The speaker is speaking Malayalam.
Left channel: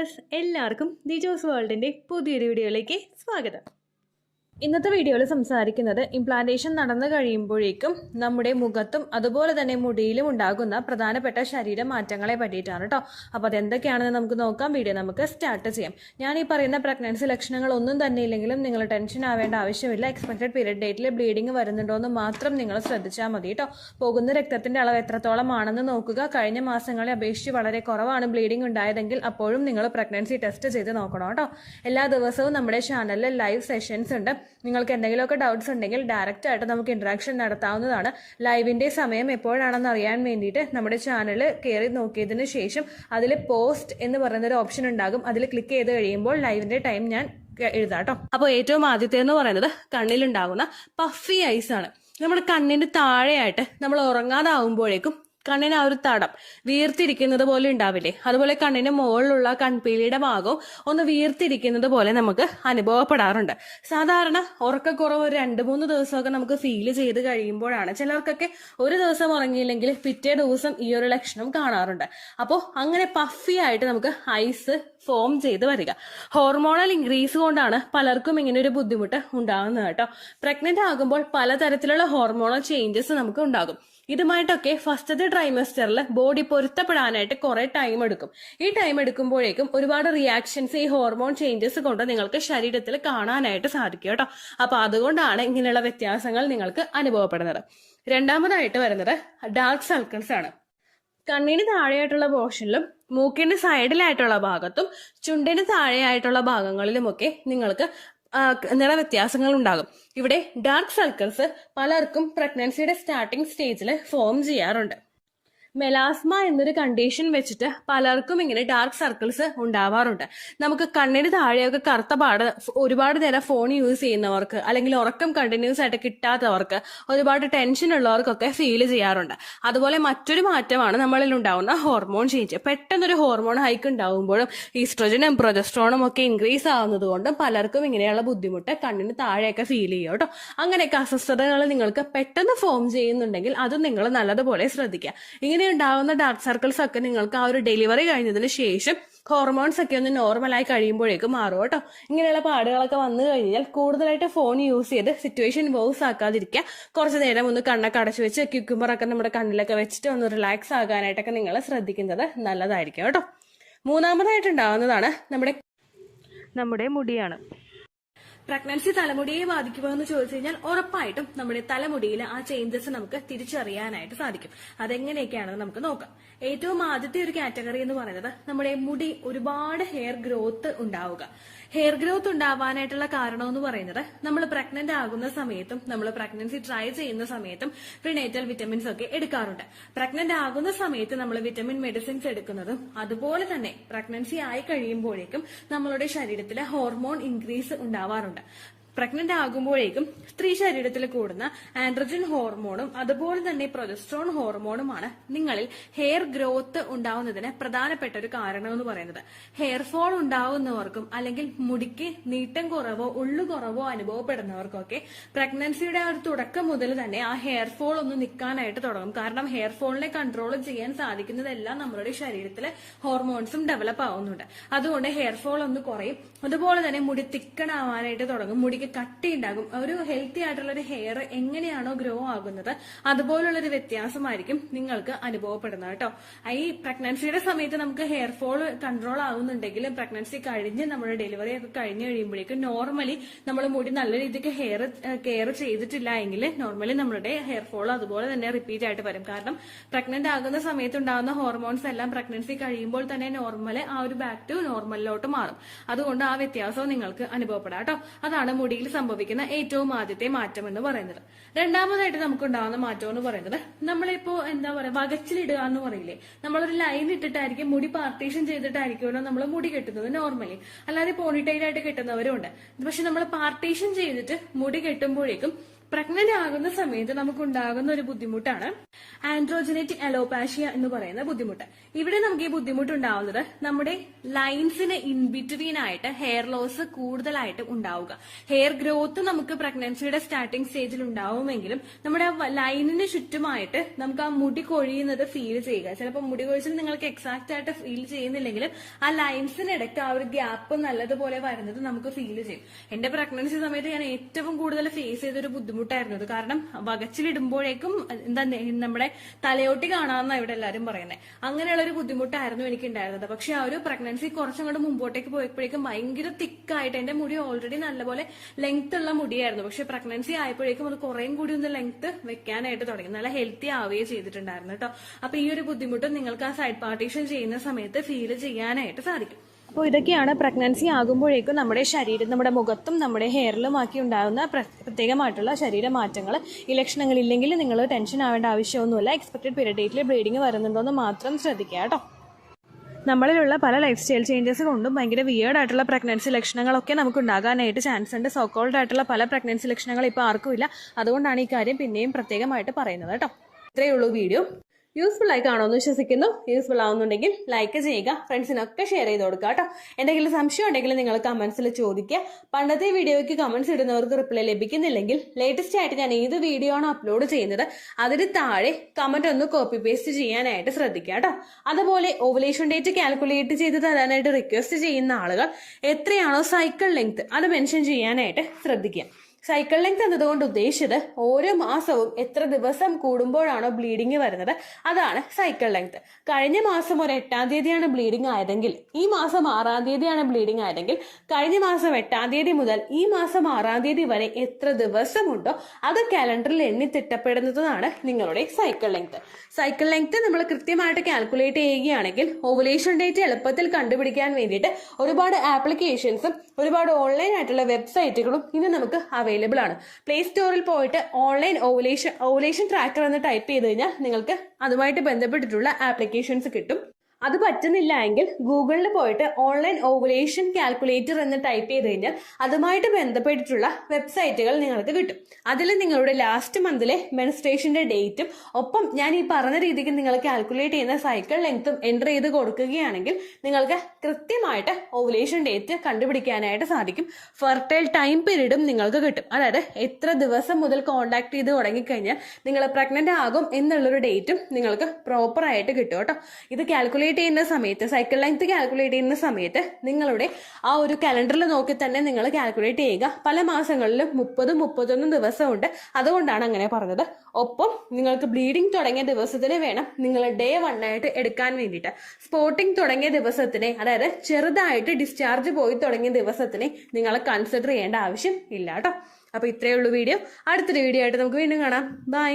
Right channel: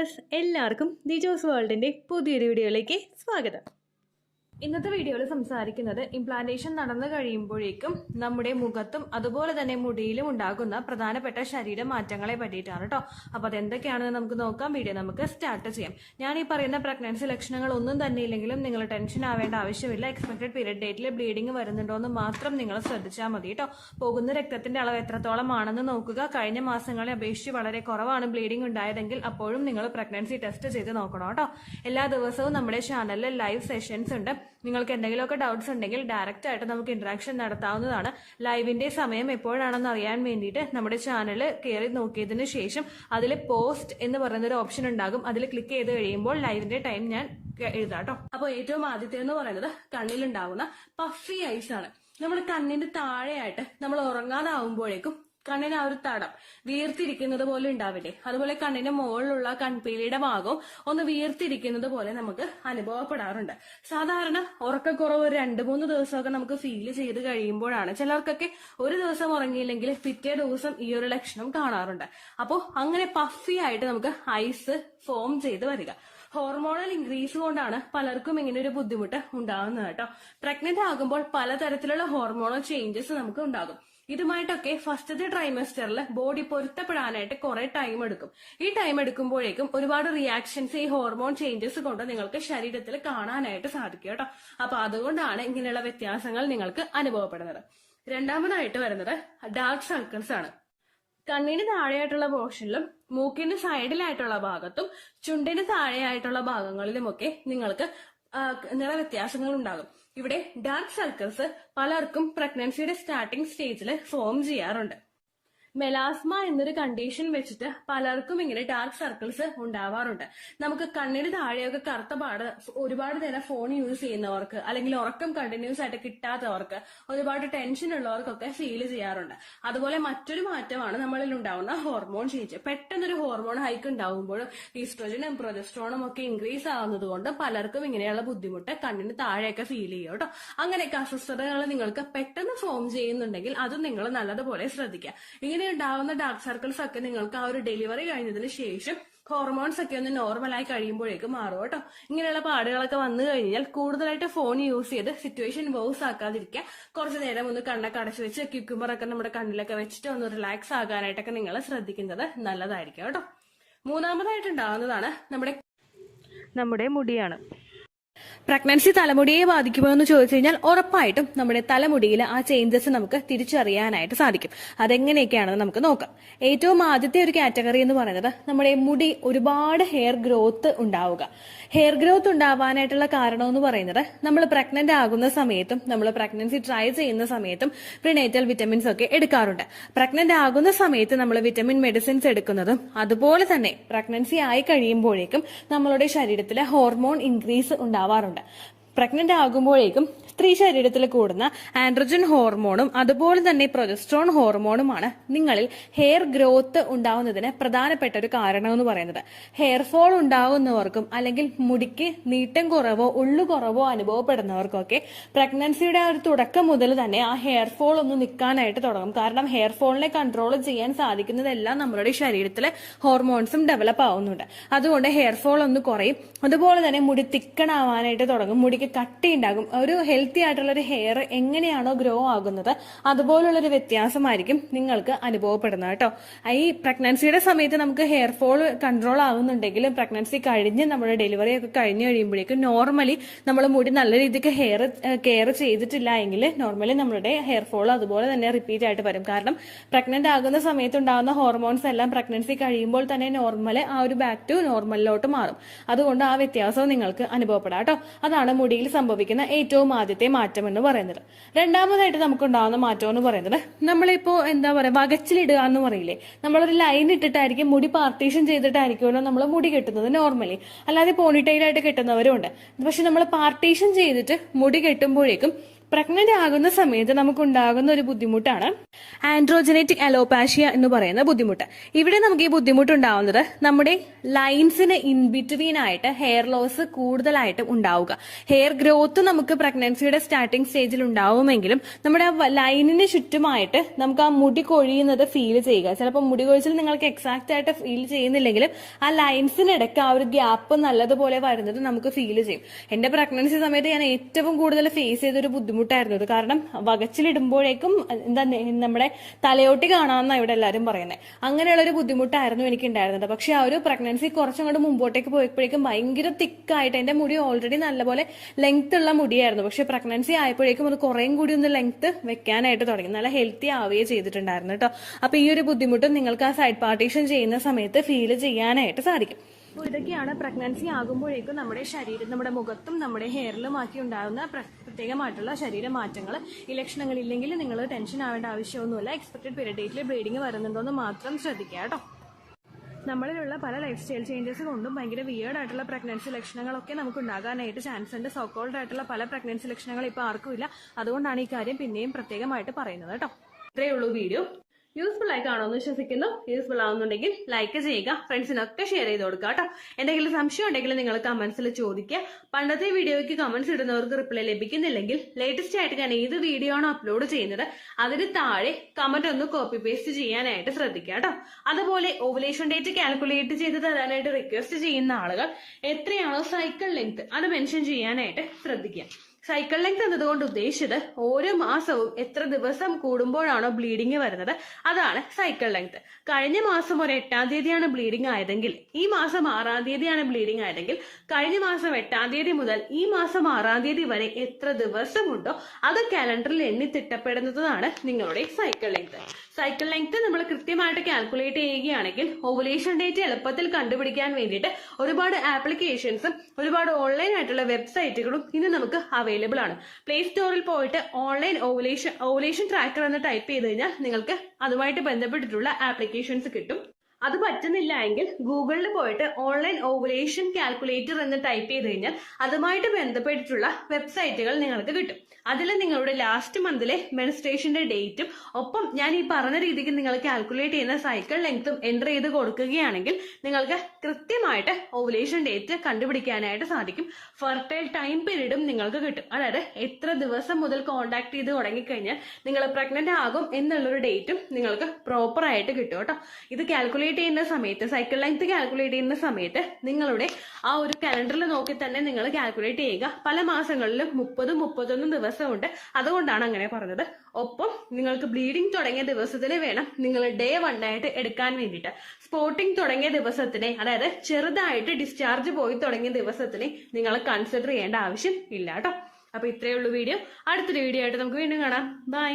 വ്യൂവേഴ്സ് എല്ലാവർക്കും ദിജോസ് വേൾഡിന്റെ പുതിയൊരു വീഡിയോയിലേക്ക് സ്വാഗതം. ഇന്നത്തെ വീഡിയോയിൽ സംസാരിക്കുന്നത് ഇംപ്ലാന്റേഷൻ നടന്നു കഴിയുമ്പോഴേക്കും നമ്മുടെ മുഖത്തും അതുപോലെ തന്നെ മുടിയിലും ഉണ്ടാകുന്ന പ്രധാനപ്പെട്ട ശരീര മാറ്റങ്ങളെ പറ്റിയിട്ടാണ് കേട്ടോ. അപ്പോൾ അതെന്തൊക്കെയാണെന്ന് നമുക്ക് നോക്കാം. വീഡിയോ നമുക്ക് സ്റ്റാർട്ട് ചെയ്യാം. ഞാൻ ഈ പറയുന്ന പ്രഗ്നൻസി ലക്ഷണങ്ങൾ ഒന്നും തന്നെ ഇല്ലെങ്കിലും നിങ്ങൾ ടെൻഷൻ ആവേണ്ട ആവശ്യമില്ല. എക്സ്പെക്റ്റഡ് പീരിയഡ് ഡേറ്റിൽ ബ്ലീഡിങ് വരുന്നുണ്ടോ എന്ന് മാത്രം നിങ്ങൾ ശ്രദ്ധിച്ചാൽ മതി കേട്ടോ. പോകുന്ന രക്തത്തിന്റെ അളവ് എത്രത്തോളം ആണെന്ന് നോക്കുക. കഴിഞ്ഞ മാസങ്ങളെ അപേക്ഷിച്ച് വളരെ കുറവാണ് ബ്ലീഡിങ് ഉണ്ടായതെങ്കിൽ അപ്പോഴും നിങ്ങൾ പ്രഗ്നൻസി ടെസ്റ്റ് ചെയ്ത് നോക്കണം കേട്ടോ. എല്ലാ ദിവസവും നമ്മുടെ ചാനലിൽ ലൈവ് സെഷൻസ് ഉണ്ട്. നിങ്ങൾക്ക് എന്തെങ്കിലുമൊക്കെ ഡൗട്ട്സ് ഉണ്ടെങ്കിൽ ഡയറക്റ്റ് ആയിട്ട് നമുക്ക് ഇന്ററാക്ഷൻ നടത്താവുന്നതാണ്. ലൈവിന്റെ സമയം എപ്പോഴാണെന്ന് അറിയാൻ വേണ്ടിയിട്ട് നമ്മുടെ ചാനൽ കയറി നോക്കിയതിന് ശേഷം അതിൽ പോസ്റ്റ് എന്ന് പറയുന്ന ഒരു ഓപ്ഷൻ ഉണ്ടാകും. അതിൽ ക്ലിക്ക് ചെയ്ത് കഴിയുമ്പോൾ ലൈവിന്റെ ടൈം ഞാൻ എഴുതാം കേട്ടോ. അപ്പോൾ ഏറ്റവും ആദ്യത്തെ എന്ന് പറയുന്നത് കണ്ണിലുണ്ടാകുന്ന പഫി ഐസ് ആണ്. നമ്മുടെ കണ്ണിന്റെ താഴെയായിട്ട് നമ്മൾ ഉറങ്ങാതാവുമ്പോഴേക്കും കണ്ണിന് ആ ഒരു തടം വീർത്തിരിക്കുന്നത് പോലെ ഉണ്ടാവില്ലേ, അതുപോലെ കണ്ണിന്റെ മുകളിലുള്ള കൺപീലിയുടെ ഭാഗവും ഒന്ന് വീർത്തിരിക്കുന്നത് പോലെ നമുക്ക് അനുഭവപ്പെടാറുണ്ട്. സാധാരണ ഉറക്കക്കുറവ് ഒരു 2-3 ദിവസമൊക്കെ നമുക്ക് ഫീൽ ചെയ്ത് കഴിയുമ്പോഴാണ്. ചിലർക്കൊക്കെ ഒരു ദിവസം ഉറങ്ങിയില്ലെങ്കിൽ പിറ്റേ ദിവസം ഈ ഒരു ലക്ഷണം കാണാറുണ്ട്. അപ്പോൾ അങ്ങനെ പഫി ആയിട്ട് നമുക്ക് ഐസ് ഫോം ചെയ്ത് വരിക ഹോർമോണൽ ഇൻക്രീസ് കൊണ്ടാണ് പലർക്കും ഇങ്ങനെ ഒരു ബുദ്ധിമുട്ട് ഉണ്ടാകുന്നത് കേട്ടോ. പ്രഗ്നന്റ് ആകുമ്പോൾ പലതരത്തിലുള്ള ഹോർമോണൽ ചേഞ്ചസ് നമുക്ക് ഉണ്ടാകും. ഇതുമായിട്ടൊക്കെ ഫസ്റ്റത്തെ ട്രൈമസ്റ്ററിൽ ബോഡി പൊരുത്തപ്പെടാനായിട്ട് കുറെ ടൈം എടുക്കും. ഈ ടൈം എടുക്കുമ്പോഴേക്കും ഒരുപാട് റിയാക്ഷൻസ് ഈ ഹോർമോൺ ചേഞ്ചസ് കൊണ്ട് നിങ്ങൾക്ക് ശരീരത്തിൽ കാണാനായിട്ട് സാധിക്കും കേട്ടോ. അപ്പൊ അതുകൊണ്ടാണ് ഇങ്ങനെയുള്ള വ്യത്യാസങ്ങൾ നിങ്ങൾക്ക് അനുഭവപ്പെടുന്നത്. രണ്ടാമതായിട്ട് വരുന്നത് ഡാർക്ക് സർക്കിൾസ് ആണ്. കണ്ണിന് താഴെയായിട്ടുള്ള പോർഷനിലും മൂക്കിന്റെ സൈഡിലായിട്ടുള്ള ഭാഗത്തും ചുണ്ടിന് താഴെയായിട്ടുള്ള ഭാഗങ്ങളിലുമൊക്കെ നിങ്ങൾക്ക് നിറവ്യത്യാസങ്ങൾ ഉണ്ടാകും. ഇവിടെ ഡാർക്ക് സർക്കിൾസ് പലർക്കും പ്രഗ്നൻസിയുടെ സ്റ്റാർട്ടിംഗ് സ്റ്റേജിൽ ഫോം ചെയ്യാറുണ്ട്. മെലാസ്മ എന്നൊരു കണ്ടീഷൻ വെച്ചിട്ട് പലർക്കും ഇങ്ങനെ ഡാർക്ക് സർക്കിൾസ് ഉണ്ടാവാറുണ്ട്. നമുക്ക് കണ്ണിന് താഴെയൊക്കെ കറുത്ത പാട് ഒരുപാട് നേരം ഫോൺ യൂസ് ചെയ്യുന്നവർക്ക്, അല്ലെങ്കിൽ ഉറക്കം കണ്ടിന്യൂസ് ആയിട്ട് കിട്ടാത്തവർക്ക്, ഒരുപാട് ടെൻഷൻ ഉള്ളവർക്കൊക്കെ ഫീൽ ചെയ്യാറുണ്ട്. അതുപോലെ മറ്റൊരു മാറ്റമാണ് നമ്മളിൽ ഉണ്ടാവുന്ന ഹോർമോൺ ചേഞ്ച്. പെട്ടെന്നൊരു ഹോർമോൺ ഹൈക്ക് ഉണ്ടാവുമ്പോഴും ഈസ്ട്രോജനും പ്രൊജസ്ട്രോണും ഒക്കെ ഇൻക്രീസ് ആവുന്നത് കൊണ്ട് പലർക്കും ഇങ്ങനെയുള്ള ബുദ്ധിമുട്ട് കണ്ണിന് താഴെയൊക്കെ ഫീൽ ചെയ്യും കേട്ടോ. അങ്ങനെയൊക്കെ അസ്വസ്ഥതകൾ നിങ്ങൾക്ക് പെട്ടെന്ന് ഫോം ചെയ്യുന്നുണ്ടെങ്കിൽ അത് നിങ്ങൾ നല്ലതുപോലെ ശ്രദ്ധിക്കുക. ഇങ്ങനെ ഉണ്ടാകുന്ന ഡാർക്ക് സർക്കിൾസ് ഒക്കെ നിങ്ങൾക്ക് ആ ഒരു ഡെലിവറി കഴിഞ്ഞതിന് ശേഷം ഹോർമോൺസ് ഒക്കെ ഒന്ന് നോർമലായി കഴിയുമ്പോഴേക്കും മാറും കേട്ടോ. ഇങ്ങനെയുള്ള പാടുകളൊക്കെ വന്നു കഴിഞ്ഞാൽ കൂടുതലായിട്ട് ഫോൺ യൂസ് ചെയ്ത് സിറ്റുവേഷൻ വേഴ്സ് ആക്കാതിരിക്കുക. കുറച്ചു നേരം ഒന്ന് കണ്ണൊക്കെ അടച്ചു വെച്ച് ക്യൂക്കുമ്പറൊക്കെ നമ്മുടെ കണ്ണിലൊക്കെ വെച്ചിട്ട് ഒന്ന് റിലാക്സ് ആകാനായിട്ടൊക്കെ നിങ്ങൾ ശ്രദ്ധിക്കുന്നത് നല്ലതായിരിക്കും കേട്ടോ. മൂന്നാമതായിട്ട് ഉണ്ടാകുന്നതാണ് നമ്മുടെ മുടിയാണ്. പ്രഗ്നൻസി തലമുടിയെ ബാധിക്കുമോ എന്ന് ചോദിച്ചു കഴിഞ്ഞാൽ ഉറപ്പായിട്ടും നമ്മുടെ തലമുടിയിൽ ആ ചേഞ്ചസ് നമുക്ക് തിരിച്ചറിയാനായിട്ട് സാധിക്കും. അതെങ്ങനെയൊക്കെയാണെന്ന് നമുക്ക് നോക്കാം. ഏറ്റവും ആദ്യത്തെ ഒരു കാറ്റഗറി എന്ന് പറയുന്നത് നമ്മുടെ മുടി ഒരുപാട് ഹെയർ ഗ്രോത്ത് ഉണ്ടാവുക. ഹെയർ ഗ്രോത്ത് ഉണ്ടാവാനായിട്ടുള്ള കാരണം എന്ന് പറയുന്നത് നമ്മൾ പ്രഗ്നന്റ് ആകുന്ന സമയത്തും നമ്മൾ പ്രഗ്നൻസി ട്രൈ ചെയ്യുന്ന സമയത്തും പ്രിനേറ്റൽ വിറ്റമിൻസ് ഒക്കെ എടുക്കാറുണ്ട്. പ്രഗ്നന്റ് ആകുന്ന സമയത്ത് നമ്മൾ വിറ്റമിൻ മെഡിസിൻസ് എടുക്കുന്നതും അതുപോലെ തന്നെ പ്രഗ്നൻസി ആയി കഴിയുമ്പോഴേക്കും നമ്മളുടെ ശരീരത്തിലെ ഹോർമോൺ ഇൻക്രീസ് ഉണ്ടാവാറുണ്ട്. പ്രഗ്നന്റ് ആകുമ്പോഴേക്കും സ്ത്രീ ശരീരത്തിൽ കൂടുന്ന ആൻഡ്രോജൻ ഹോർമോണും അതുപോലെ തന്നെ പ്രൊജസ്ട്രോൺ ഹോർമോണുമാണ് നിങ്ങളിൽ ഹെയർ ഗ്രോത്ത് ഉണ്ടാവുന്നതിന് പ്രധാനപ്പെട്ട ഒരു കാരണം എന്ന് പറയുന്നത്. ഹെയർ ഫോൾ ഉണ്ടാവുന്നവർക്കും അല്ലെങ്കിൽ മുടിക്ക് നീട്ടം കുറവോ ഉള്ളു കുറവോ അനുഭവപ്പെടുന്നവർക്കൊക്കെ പ്രഗ്നൻസിയുടെ ഒരു തുടക്കം മുതൽ തന്നെ ആ ഹെയർ ഫോൾ ഒന്ന് നിൽക്കാനായിട്ട് തുടങ്ങും. കാരണം ഹെയർ ഫോളിനെ കൺട്രോൾ ചെയ്യാൻ സാധിക്കുന്നതെല്ലാം നമ്മുടെ ശരീരത്തിലെ ഹോർമോൺസും ഡെവലപ്പ് ആവുന്നുണ്ട്. അതുകൊണ്ട് ഹെയർ ഫോൾ ഒന്ന് കുറയും. അതുപോലെ തന്നെ മുടി തിക്കണാവാനായിട്ട് തുടങ്ങും. മുടിക്ക് കട്ടി ഉണ്ടാകും. ഒരു ഹെൽത്തി ആയിട്ടുള്ള ഒരു ഹെയർ എങ്ങനെയാണോ ഗ്രോ ആകുന്നത് അതുപോലുള്ളൊരു വ്യത്യാസമായിരിക്കും നിങ്ങൾക്ക് അനുഭവപ്പെടുന്നത് കേട്ടോ. ഈ പ്രഗ്നൻസിയുടെ സമയത്ത് നമുക്ക് ഹെയർ ഫോൾ കൺട്രോൾ ആവുന്നുണ്ടെങ്കിലും പ്രഗ്നൻസി കഴിഞ്ഞ് നമ്മുടെ ഡെലിവറി ഒക്കെ കഴിഞ്ഞ് കഴിയുമ്പോഴേക്കും നോർമലി നമ്മൾ മുടി നല്ല രീതിക്ക് കെയർ ചെയ്തിട്ടില്ല എങ്കിൽ നോർമലി നമ്മുടെ ഹെയർ ഫോൾ അതുപോലെ തന്നെ റിപ്പീറ്റ് ആയിട്ട് വരും. കാരണം പ്രഗ്നന്റ് ആകുന്ന സമയത്ത് ഉണ്ടാകുന്ന ഹോർമോൺസ് എല്ലാം പ്രഗ്നൻസി കഴിയുമ്പോൾ തന്നെ നോർമൽ ആ ഒരു ബാക്ക് ടു നോർമലിലോട്ട് മാറും. അതുകൊണ്ട് ആ വ്യത്യാസവും നിങ്ങൾക്ക് അനുഭവപ്പെടാം കേട്ടോ. അതാണ് മുടിയിൽ സംഭവിക്കുന്ന ഏറ്റവും ആദ്യത്തെ മാറ്റം എന്ന് പറയുന്നത്. രണ്ടാമതായിട്ട് നമുക്കുണ്ടാകുന്ന മാറ്റം എന്ന് പറയുന്നത് നമ്മളിപ്പോ എന്താ പറയാ വകച്ചിലിടുക എന്ന് പറയില്ലേ, നമ്മളൊരു ലൈൻ ഇട്ടിട്ടായിരിക്കും മുടി പാർട്ടീഷൻ ചെയ്തിട്ടായിരിക്കുമല്ലോ നമ്മൾ മുടി കെട്ടുന്നത് നോർമലി. അല്ലാതെ പോണിറ്റൈലായിട്ട് കെട്ടുന്നവരും ഉണ്ട്. പക്ഷെ നമ്മൾ പാർട്ടീഷൻ ചെയ്തിട്ട് മുടി കെട്ടുമ്പോഴേക്കും പ്രഗ്നന്റ് ആകുന്ന സമയത്ത് നമുക്കുണ്ടാകുന്ന ഒരു ബുദ്ധിമുട്ടാണ് ആൻഡ്രോജനറ്റിക് അലോപാഷ്യ എന്ന് പറയുന്ന ബുദ്ധിമുട്ട്. ഇവിടെ നമുക്ക് ഈ ബുദ്ധിമുട്ട് ഉണ്ടാവുന്നത് നമ്മുടെ ലൈൻസിന് ഇൻ ബിറ്റ്വീൻ ആയിട്ട് ഹെയർ ലോസ് കൂടുതലായിട്ട് ഉണ്ടാവുക. ഹെയർ ഗ്രോത്ത് നമുക്ക് പ്രഗ്നൻസിയുടെ സ്റ്റാർട്ടിംഗ് സ്റ്റേജിൽ ഉണ്ടാവുമെങ്കിലും നമ്മുടെ ആ ലൈനിന് ചുറ്റുമായിട്ട് നമുക്ക് ആ മുടി കൊഴിയുന്നത് ഫീൽ ചെയ്യുക. ചിലപ്പോൾ മുടി കൊഴിച്ചിൽ നിങ്ങൾക്ക് എക്സാക്ട് ആയിട്ട് ഫീൽ ചെയ്യുന്നില്ലെങ്കിലും ആ ലൈൻസിനിടയ്ക്ക് ആ ഒരു ഗ്യാപ്പ് നല്ലതുപോലെ വരുന്നത് നമുക്ക് ഫീൽ ചെയ്യും. എന്റെ പ്രഗ്നൻസി സമയത്ത് ഞാൻ ഏറ്റവും കൂടുതൽ ഫേസ് ചെയ്ത ഒരു ബുദ്ധിമുട്ടായിരുന്നു ഇത്. കാരണം വകച്ചിലിടുമ്പോഴേക്കും നമ്മുടെ തലയോട്ടി കാണാമെന്നാണ് ഇവിടെ എല്ലാവരും പറയുന്നത്. അങ്ങനെയുള്ള ഒരു ബുദ്ധിമുട്ടായിരുന്നു എനിക്ക് ഉണ്ടായിരുന്നത്. പക്ഷെ ആ ഒരു പ്രഗ്നൻസി കുറച്ചങ്ങോട്ട് മുമ്പോട്ടേക്ക് പോയപ്പോഴേക്കും ഭയങ്കര തിക്കായിട്ട്, എന്റെ മുടി ഓൾറെഡി നല്ലപോലെ ലെങ്ത് ഉള്ള മുടിയായിരുന്നു. പക്ഷെ പ്രഗ്നൻസി ആയപ്പോഴേക്കും അത് കുറേയും കൂടി ഒന്ന് ലെങ്ത് വെക്കാനായിട്ട് തുടങ്ങി. നല്ല ഹെൽത്തി ആവുകയും ചെയ്തിട്ടുണ്ടായിരുന്നു കേട്ടോ. അപ്പൊ ഈ ഒരു ബുദ്ധിമുട്ടും നിങ്ങൾക്ക് ആ സൈഡ് പാർട്ടീഷൻ ചെയ്യുന്ന സമയത്ത് ഫീൽ ചെയ്യാനായിട്ട് സാധിക്കും. അപ്പോൾ ഇതൊക്കെയാണ് പ്രഗ്നൻസി ആകുമ്പോഴേക്കും നമ്മുടെ മുഖത്തും നമ്മുടെ ഹെയറിലും ആക്കി ഉണ്ടാകുന്ന പ്രത്യേകമായിട്ടുള്ള ശരീരമാറ്റങ്ങൾ. ഈ ലക്ഷണങ്ങളില്ലെങ്കിൽ നിങ്ങൾ ടെൻഷൻ ആവേണ്ട ആവശ്യമൊന്നുമില്ല. എക്സ്പെക്ടഡ് പീരിയഡ് ഡേറ്റിൽ ബ്ലീഡിങ് വരുന്നുണ്ടോയെന്ന് മാത്രം ശ്രദ്ധിക്കുക കേട്ടോ. നമ്മളിലുള്ള പല ലൈഫ് സ്റ്റൈൽ ചേഞ്ചസ് കൊണ്ടും ഭയങ്കര വിയേർഡ് ആയിട്ടുള്ള പ്രഗ്നൻസി ലക്ഷണങ്ങളൊക്കെ നമുക്ക് ഉണ്ടാകാനായിട്ട് ചാൻസ് ഉണ്ട്. സോക്കോൾഡ് ആയിട്ടുള്ള പല പ്രഗ്നൻസി ലക്ഷണങ്ങൾ ഇപ്പോൾ ആർക്കും ഇല്ല. അതുകൊണ്ടാണ് ഈ കാര്യം പിന്നെയും പ്രത്യേകമായിട്ട് പറയുന്നത് കേട്ടോ. ഇത്രയേ ഉള്ളൂ വീഡിയോ. യൂസ്ഫുൾ ആയി കാണുമെന്ന് വിശ്വസിക്കുന്നു. യൂസ്ഫുൾ ആവുന്നുണ്ടെങ്കിൽ ലൈക്ക് ചെയ്യുക, ഫ്രണ്ട്സിനൊക്കെ ഷെയർ ചെയ്ത് കൊടുക്കുക കേട്ടോ. എന്തെങ്കിലും സംശയം ഉണ്ടെങ്കിൽ നിങ്ങൾ കമന്റ്സിൽ ചോദിക്കുക. പണ്ടത്തെ വീഡിയോയ്ക്ക് കമന്റ്സ് ഇടുന്നവർക്ക് റിപ്ലൈ ലഭിക്കുന്നില്ലെങ്കിൽ ലേറ്റസ്റ്റ് ആയിട്ട് ഞാൻ ഏത് വീഡിയോ ആണോ അപ്ലോഡ് ചെയ്യുന്നത് അതിന് താഴെ കമന്റ് ഒന്ന് കോപ്പി പേസ്റ്റ് ചെയ്യാനായിട്ട് ശ്രദ്ധിക്കുക കേട്ടോ. അതുപോലെ ഓവുലേഷൻ ഡേറ്റ് കാൽക്കുലേറ്റ് ചെയ്ത് തരാനായിട്ട് റിക്വസ്റ്റ് ചെയ്യുന്ന ആളുകൾ എത്രയാണോ സൈക്കിൾ ലെങ്ത് അത് മെൻഷൻ ചെയ്യാനായിട്ട് ശ്രദ്ധിക്കുക. സൈക്കിൾ ലെങ്ത് എന്നതുകൊണ്ട് ഉദ്ദേശിച്ചത് ഓരോ മാസവും എത്ര ദിവസം കൂടുമ്പോഴാണോ ബ്ലീഡിങ് വരുന്നത് അതാണ് സൈക്കിൾ ലെങ്ത്. കഴിഞ്ഞ മാസം ഒരു 8-ാം തീയതിയാണ് ബ്ലീഡിങ് ആയതെങ്കിൽ ഈ മാസം 6-ാം തീയതിയാണ് ബ്ലീഡിങ് ആയതെങ്കിൽ കഴിഞ്ഞ മാസം 8-ാം തീയതി മുതൽ ഈ മാസം 6-ാം തീയതി വരെ എത്ര ദിവസമുണ്ടോ അത് കാലണ്ടറിൽ എണ്ണി തിട്ടപ്പെടുന്നതാണ് നിങ്ങളുടെ സൈക്കിൾ ലെങ്ത്. സൈക്കിൾ ലെങ്ത് നമ്മൾ കൃത്യമായിട്ട് കാൽക്കുലേറ്റ് ചെയ്യുകയാണെങ്കിൽ ഓവുലേഷൻ ഡേറ്റ് എളുപ്പത്തിൽ കണ്ടുപിടിക്കാൻ വേണ്ടിയിട്ട് ഒരുപാട് ആപ്ലിക്കേഷൻസും ഒരുപാട് ഓൺലൈൻ ആയിട്ടുള്ള വെബ്സൈറ്റുകളും ഇന്ന് നമുക്ക് അവൈലബിൾ ആണ്. പ്ലേ സ്റ്റോറിൽ പോയിട്ട് ഓൺലൈൻ ഓവുലേഷൻ ട്രാക്കർ എന്ന് ടൈപ്പ് ചെയ്ത് കഴിഞ്ഞാൽ നിങ്ങൾക്ക് അതുമായിട്ട് ബന്ധപ്പെട്ടിട്ടുള്ള ആപ്ലിക്കേഷൻസ് കിട്ടും. അത് പറ്റുന്നില്ല എങ്കിൽ ഗൂഗിളിൽ പോയിട്ട് ഓൺലൈൻ ഓവുലേഷൻ കാൽക്കുലേറ്റർ എന്ന് ടൈപ്പ് ചെയ്ത് കഴിഞ്ഞാൽ അതുമായിട്ട് ബന്ധപ്പെട്ടിട്ടുള്ള വെബ്സൈറ്റുകൾ നിങ്ങൾക്ക് കിട്ടും. അതിൽ നിങ്ങളുടെ ലാസ്റ്റ് മന്തിലെ മെൻസ്ട്രേഷന്റെ ഡേറ്റും ഒപ്പം ഞാൻ ഈ പറഞ്ഞ രീതിക്ക് നിങ്ങൾ കാൽക്കുലേറ്റ് ചെയ്യുന്ന സൈക്കിൾ ലെങ്ത്തും എൻ്റർ ചെയ്ത് കൊടുക്കുകയാണെങ്കിൽ നിങ്ങൾക്ക് കൃത്യമായിട്ട് ഓവുലേഷൻ ഡേറ്റ് കണ്ടുപിടിക്കാനായിട്ട് സാധിക്കും. ഫെർട്ടൈൽ ടൈം പീരീഡും നിങ്ങൾക്ക് കിട്ടും. അതായത് എത്ര ദിവസം മുതൽ കോണ്ടാക്ട് ചെയ്ത് തുടങ്ങിക്കഴിഞ്ഞാൽ നിങ്ങൾ പ്രഗ്നന്റ് ആകും എന്നുള്ളൊരു ഡേറ്റും നിങ്ങൾക്ക് പ്രോപ്പറായിട്ട് കിട്ടും കേട്ടോ. ഇത് കാൽക്കുലേറ്റ് ചെയ്യുന്ന സമയത്ത് സൈക്കിൾ ലെങ്ത് കാൽക്കുലേറ്റ് ചെയ്യുന്ന സമയത്ത് നിങ്ങളുടെ ആ ഒരു കലണ്ടറിൽ നോക്കി തന്നെ നിങ്ങൾ കാൽക്കുലേറ്റ് ചെയ്യുക. പല മാസങ്ങളിലും 30-31 ദിവസമുണ്ട്. അതുകൊണ്ടാണ് അങ്ങനെ പറഞ്ഞത്. ഒപ്പം നിങ്ങൾക്ക് ബ്ലീഡിങ് തുടങ്ങിയ ദിവസത്തിന് വേണം നിങ്ങൾ ഡേ 1 ആയിട്ട് എടുക്കാൻ വേണ്ടിയിട്ട്. സ്പോട്ടിങ് തുടങ്ങിയ ദിവസത്തിനെ, അതായത് ചെറുതായിട്ട് ഡിസ്ചാർജ് പോയി തുടങ്ങിയ ദിവസത്തിനെ നിങ്ങൾ കൺസിഡർ ചെയ്യേണ്ട ആവശ്യം ഇല്ല കേട്ടോ. അപ്പൊ ഇത്രയേ ഉള്ളൂ വീഡിയോ. അടുത്തൊരു വീഡിയോ ആയിട്ട് നമുക്ക് വീണ്ടും കാണാം. ബൈ.